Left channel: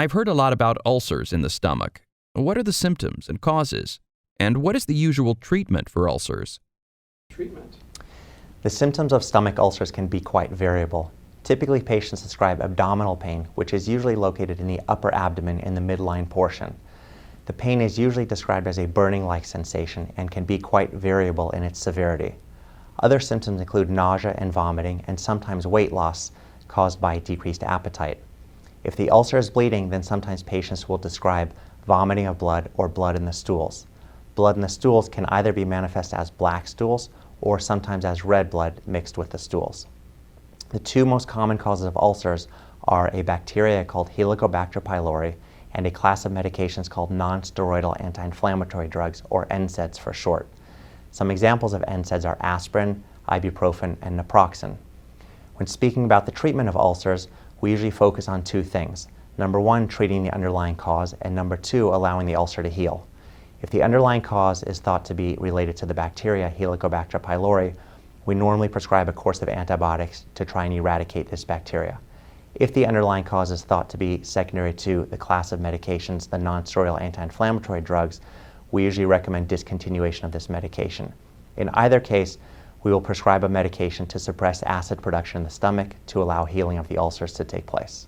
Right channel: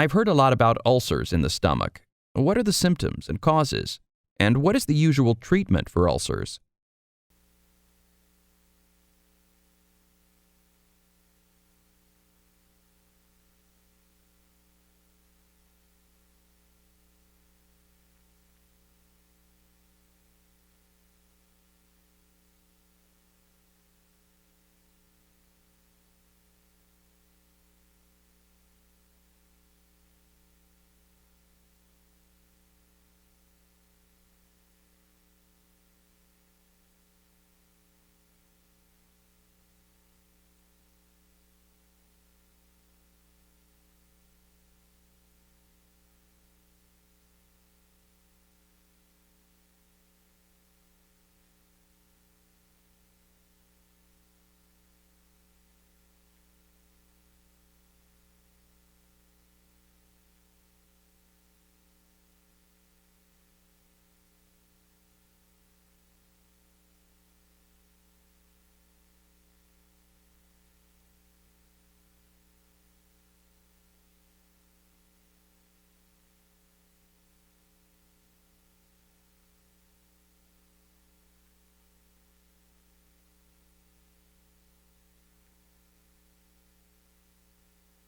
I've heard a lot about ulcers in the stomach. What are the symptoms and causes? And what is the usual treatment for ulcers? The symptoms of stomach ulcers can be quite variable. Typically, patients describe abdominal pain, which is usually located in the upper abdomen in the midline portion. The pain is usually described as a burning-like sensation and can be quite variable in its severity. Other symptoms include nausea and vomiting, and sometimes weight loss caused by decreased appetite. If the ulcer is bleeding, then sometimes patients will describe vomiting of blood or blood in the stools. Blood in the stools can either be manifest as black stools or sometimes as red blood mixed with the stools. The two most common causes of ulcers are a bacteria called Helicobacter pylori and a class of medications called non-steroidal anti-inflammatory drugs, or NSAIDs for short. Some examples of NSAIDs are aspirin, ibuprofen, and naproxen. When speaking about the treatment of ulcers, we usually focus on two things. Number one, treating the underlying cause, and number two, allowing the ulcer to heal. If the underlying cause is thought to be related to the bacteria Helicobacter pylori, we normally prescribe a course of antibiotics to try and eradicate this bacteria. If the underlying cause is thought to be secondary to the class of medications, the non-steroidal anti-inflammatory drugs, we usually recommend discontinuation of this medication. In either case, we will prescribe a medication to suppress acid production in the stomach to allow healing of the ulcers to take place.